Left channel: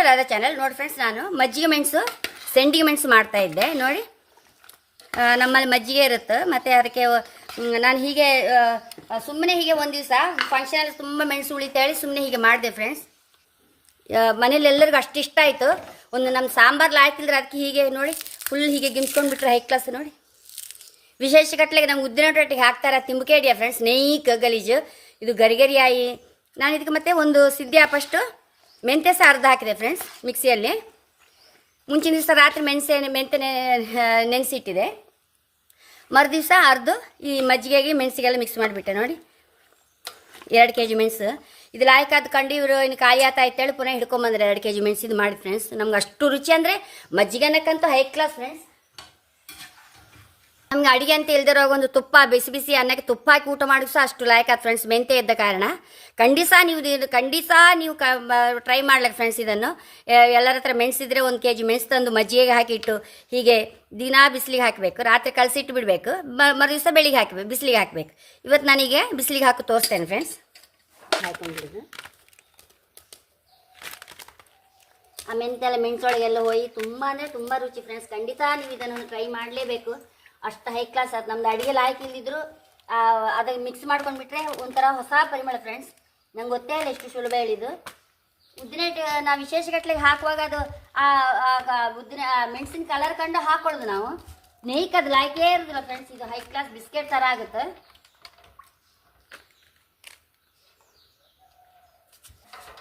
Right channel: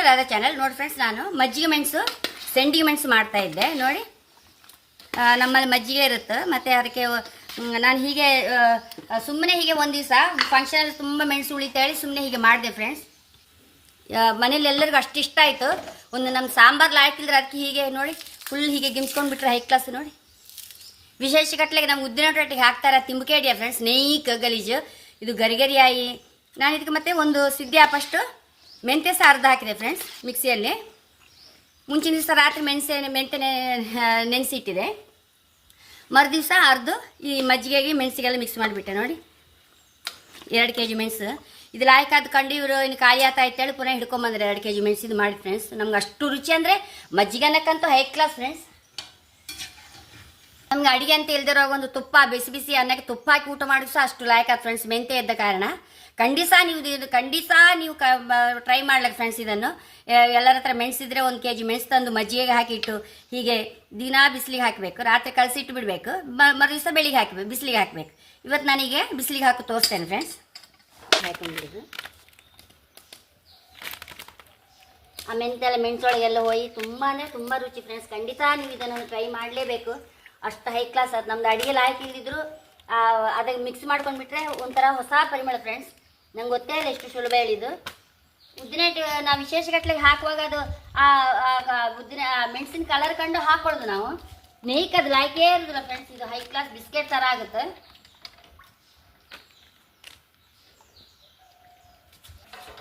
To Radha channel ನೋಡಿ friends ನಾನು. ಮಜ್ಜಿಗೆ ಮೆಣಸು, ಸೆಂಡಿಗೆ ಮೆಣಸು ಮಾಡ್ತಾ ಇದ್ದೆ. ನೋಡಿ. ನಮ್ಮಲ್ಲಿ ಮಜ್ಜಿಗೆ ಇರುತ್ತೆ. ಮತ್ತು ಅದಕ್ಕೆ ನಾನು ಹೀಗೆ ಸುಮ್ಮನೆ ಹೀಗೆ ಒಂದು ದಿವಸ ಫಂಕ್ಷನಲ್ಲಿ ತುಂಬ ಮೆಣಸು ಉಳಿತೇಳಿ ಸುಮ್ಮನೆ ಹೀಗೆ ಮಾಡಿದೆ ಫ್ರೆಂಡ್ಸ್ ಮನೇಲಿ ಎಲ್ಲರಿಗೂ ಅಷ್ಟು ಇಷ್ಟ ಆಯಿತು. ಒಂದು ನಮ್ಮ ಸಾಂಬಾರ್ಲು ಹಾಕಿದ್ರೆ ಅದಕ್ಕೆ ಹೀಗೆ ನೋಡಿ ಫುಲ್ ಹೀಗೆ ಗಿಮ್ಸ್ಕೊಂಡ್ಬಿಟ್ರೆ ಹೈ ಕ್ಲಾಸ್ ನೋಡಿ. ವಿಶೇಷ ಕಟ್ಲೆಗೆ ನಮ್ಮ ಉದ್ದಿನ ರೊಟ್ಟಿಗೆ ಹಾಕ್ತಾರೆ ತಿಂಬುಕೇಡಿಯ ಫ್ರೆಂಡ್ಸ್ ನೈಕ್ ಗಲೀಜು ಇದು ಗರಿಗರಿಯಾಯಿ. ನಾನು ಇದಕ್ಕೆ ಮತ್ತೆ ಒಂದು ಸಿದ್ಧಿ ಫಸ್ಟು ಮೆಂತ್ಯ ಸಾರ್ದು ಅರ್ಧ ಹಾಕಿದೆ ಫ್ರೆಂಡ್ಸ್ ಮಿಕ್ಸಿಯಲ್ಲಿ. ಮುಂಚಿನ ದಿವಸ ರಾತ್ರಿ ಮೆಣಸೆ ಮೆಂತ್ಯ ನೆನೆಸಿಟ್ಟಿದೆ. ಮರುದಿವಸ ಅರ್ದು ಈ ಮಜ್ಜಿಗೆಗೆ ಮೆಣಸಿಗೆಲ್ಲ ಮಿಕ್ಸ್ ಮಾಡಿಬಿಟ್ಟೆ ನೋಡಿ. ಎರಡು ಕೆ ಜಿ ಮೆಣಸು. ಇದು ಲಾಯ್ಕಾದ ಕಂಡು ಇವರು ಇನ್ನು ಕಾಯಿ ಆತ ಅಂತೇಳಿ ಪುನಃ ಹಿಡ್ಕೊಂಬಂದ್ರೆ ಎರಡು ಕೆ ಜಿ ಮೆಣಸು ಇದು ಮಾಡಿ ಫ್ರೆಂಡ್ಸ್ ನಮ್ಗೆ ಅಷ್ಟು ರುಚಿ ಅಂದರೆ ಮಜ್ಜಿಗೆ ಅನ್ನಕ್ಕಂತೂ ಹೈ ಕ್ಲಾಸ್ ಫ್ರೆಂಡ್ಸ್ ನಮ್ಗೆ ಅಡಿಗೆ ಅಂತ ಇಲ್ದಿರೋ ಒಂದು ತುಪ್ಪ, ಬಿಸಿ ಬಿಸಿ ಅನ್ನಕ್ಕೆ ತುಪ್ಪ ಹಾಕಿ ಊಟ ಮಾಡಿದ್ರು ಸಹ ಅಷ್ಟು ಲಾಯಕ ಫ್ರೆಂಡ್ಸ್ ಮೆಂತೆ ಇದ್ದ ಕಾರಣ. ಖಂಡಿತ ನೀವು ಖಂಡಿತ ನೀವು ಕ ಟ್ರೈ ಮಾಡ್ಲಕ್ಕೆ ಫ್ರೆಂಡ್ಸ್ ಇದನ್ನು. ಎಲ್ಲರ ಹತ್ರ ಮೆಣಸಿದ್ರೆ ಒಂದು ಕೆ ಜಿ ಮೆಣಸು ತಂದು ಮಜ್ಜಿಗೆ ಹಾಕಿಟ್ಟು ಹೀಗೆ ದಿನಾ ಬಿಸಿಲಿಗೆ ಹಾಕಬೇಕು. ರಾತ್ರಿ ಕಲಸಿಟ್ಟು ಬಿಡಬೇಕು. ಮರು ದಿವಸ ಬೆಳಿಗ್ಗೆ ಹಾಕಬೇಕು, ಬಿಸಿಲಿಗೆ ಹಾಕಬೇಕು. ಇವತ್ತು ನನಗೆ ಬಿಸಿಲಿಗೆ ಹಾಕಿ ತೋರಿಸ್ತೇನೆ ಫ್ರೆಂಡ್ಸ್ ಹಾಕೊಂಡು ಆ ಮೆಂತೆಲ್ಲ ಮೆಣಸೊಳಗೆಲ್ಲ ಹೋಗಿ ತುಂಬಾ ತುಂಬ ರುಚಿ ಫ್ರೆಂಡ್ಸ್ ಖಂಡಿತ ನೀವು ಇದನ್ನು ಟ್ರೈ ಮಾಡಲೇಬೇಕು. ಅಷ್ಟು ಹೈ ಕ್ಲಾಸ್ ಅದು ನಮ್ದು ಅಡಿಗೆ ಹಾಕಿ ಇಲ್ಲಿದ್ರು ಅದಕ್ಕೆ ಮಿಕ್ಸ್ ಮಾಡ್ಕೊಂಡ್ಬಿಟ್ರೆ ಒಂಥರ ಹೊಸ ಪರಿಮಳ ಫ್ರೆಂಡ್ಸ್ ನಂಗೆ ಗೊತ್ತೇ ಇಲ್ಲ ಎಷ್ಟು ಸುಲಭ ಹೇಳಿದ್ದು. ಉದ್ದಿನ ನಾವು ವಿಶೇಷ ಹಾಕುವಾಗ ಅದು, ಆ ಉದ್ದಿನ ಮೆಣಸಿನ ಕಲರ್ ಕಂಡು ಹಾಕೊಳ್ಳೋದು ನಾವು. ನೇಯ್ಕ್ ಅದು ಲಾಯ್ಕೇ ಇರೋದಿಲ್ಲ ಫ್ರೆಂಡ್ಸ್ ಇದು ಹೈ ಕ್ಲಾಸ್ ಬಿಸ್ಕೆಟ್ ಥರ ಆಗುತ್ತೆ.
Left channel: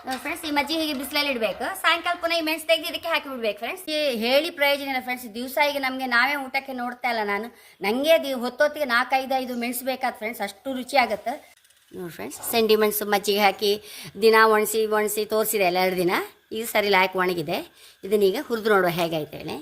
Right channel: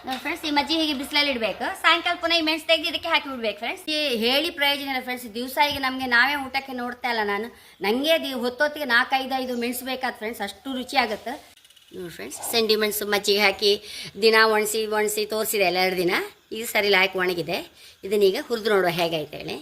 ನೋಡಿ ಫ್ರೆಂಡ್ಸ್ ಈ ಮಜ್ಜಿಗೆ ಹೀಗೆ ಬಿಸಿಲಲ್ಲಿ ಇಡಬೇಕು? ಸಾಯಂಕಾಲ ಪುನಃ ಈ ಮೆಣಸು ತೆಗೆದು ಇದಕ್ಕೆ ಹಾಕಿ ಬಿಡ್ಬೇಕು ಫ್ರೆಂಡ್ಸ್ ಈ ಹೇಳಿ ಪ್ರಯೋಜನ ಇಲ್ಲ ಫ್ರೆಂಡ್ಸ್ ದಿವಸ ಈಗ ನಮಗೆ ನಾವೇ ಊಟಕ್ಕೆ ನೋಡ್ತಾ ಇಲ್ಲ ನಾನು. ನನಗೆ ದಿ ಹೊತ್ತೊತ್ತಿಗೆ ನಾಲ್ಕೈದು ಐದು ಮೆಣಸು ಬೇಕಾದ ಫ್ರೆಂಡ್ಸ್ ಅಷ್ಟು ರುಚಿ ಆಗುತ್ತೆ. ನೋಡಿ ಫ್ರೆಂಡ್ಸ್ ಸೆಂಡಿ ಮೆಣಸು ಮಜ್ಜಿಗೆ ಹಾಕಿ ದಿನ ಒಣಸಿ ಒಣಸಿ ತೋರಿಸಿದೆ ಎಲ್ಲ ಎರಡು ದಿನ. ಈ ಸರಿ ಹಾಕಿ ಒಣಗಿದೆ. ಇದನ್ನೀಗ ಹುರಿದು ನೋಡುವ ಹೇಗಾಯ್ತು ಹೇಳಿ.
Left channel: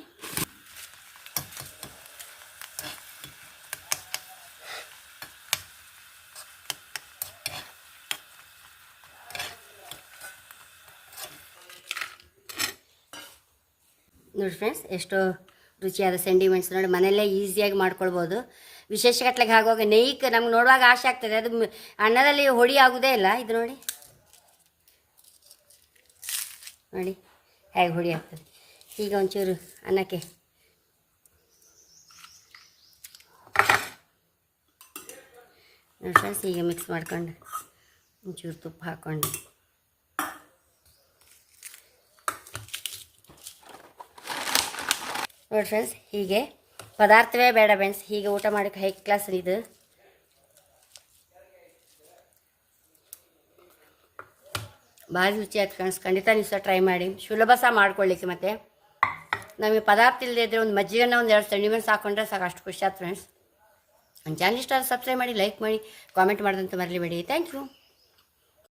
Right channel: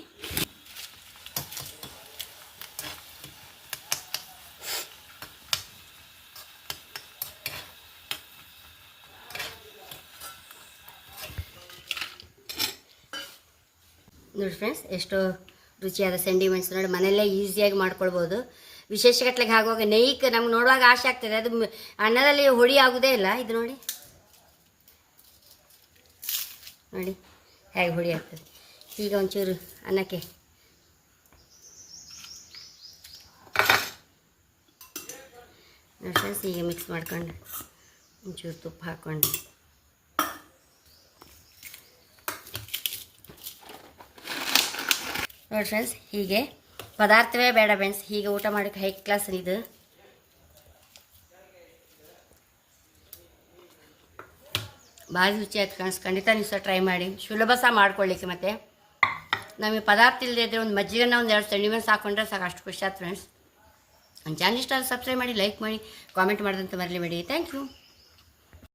ನೋಡಿ ಫ್ರೆಂಡ್ಸ್ ಎಷ್ಟು ರುಚಿಯಾದ ಸೆಂಡಿಮೆಂಟ್ಸ್ ನೋಡಿ ಮನೆಯಲ್ಲೇ ಈಸಿಯಾಗಿ ಮಾಡ್ಕೊಳ್ಬೋದು. ವಿಶೇಷ ಕಟ್ಲಿಗೆ ಆಗುವಾಗ ನೈಕ್ ನಮ್ಗೆ ನೋಡುವಾಗ ಆಸೆ ಆಗ್ತದೆ. ಅದು ಅನ್ನದಲ್ಲಿ ಹೊಡಿ ಆಗೋದೇ ಇಲ್ಲ. ಇದು ನೋಡಿ. ನೋಡಿ, ಹೇಗೆ ಹೊಡಿ ಆಗ್ತದೆ. ಈಗ ಒಂಚೂರು ಅನ್ನಕ್ಕೆ. ನೋಡಿ ಫ್ರೆಂಡ್ಸ್ ಈಗ ಮಿಕ್ಸ್ ಮಾಡ್ಕೊಂಡು ಒಂಚೂರು ತುಪ್ಪ ಹಾಕ್ಕೊಂಡು ನೋಡಿ ಫ್ರೆಂಡ್ಸ್ ಹೀಗೆ ಪದಾರ್ಥವೇ ಬೇಡ ಫ್ರೆಂಡ್ಸ್ ಹೀಗೆ ಊಟ ಮಾಡಕ್ಕೆ ಹೈ ಕ್ಲಾಸ್ ಇದು. ಭಾಳ ರುಚಿಯಾಗಿ ಫ್ರೆಂಡ್ಸ್ ಖಂಡಿತ ನೀವು ಸಹ ಟ್ರೈ ಮಾಡಿ. ಸುಲಭ ಸಹ ಮಾಡ್ಕೊಳ್ಳಿಕ್ಕೆ ಮತ್ತೆ. ನಮಗೆ ಪದಾರ್ಥ ಇಲ್ಲದೆ ಇದ್ದರೆ ಒಂದು ಮಜ್ಜಿಗೆನ ಒಂದು ಎರಡು ಸಣ್ಣ ಮೆಣಸು ಹಾಕೊಂಡ್ರೆ ಸಾಕು, ಅಷ್ಟು ಖುಷಿ ಆಯ್ತು ಫ್ರೆಂಡ್ಸ್ ನನ್ನ ಚಾನಲ್ ಇಷ್ಟ ಸಬ್ಸ್ಕ್ರೈಬ್ ಮಾಡಿ ಲೈಕ್ ಮಾಡಿ ಕಾಮೆಂಟ್ ಮಾಡೋದಂತ ಮರಲಿ ಮಾಡಿ ಥ್ಯಾಂಕ್ ಯು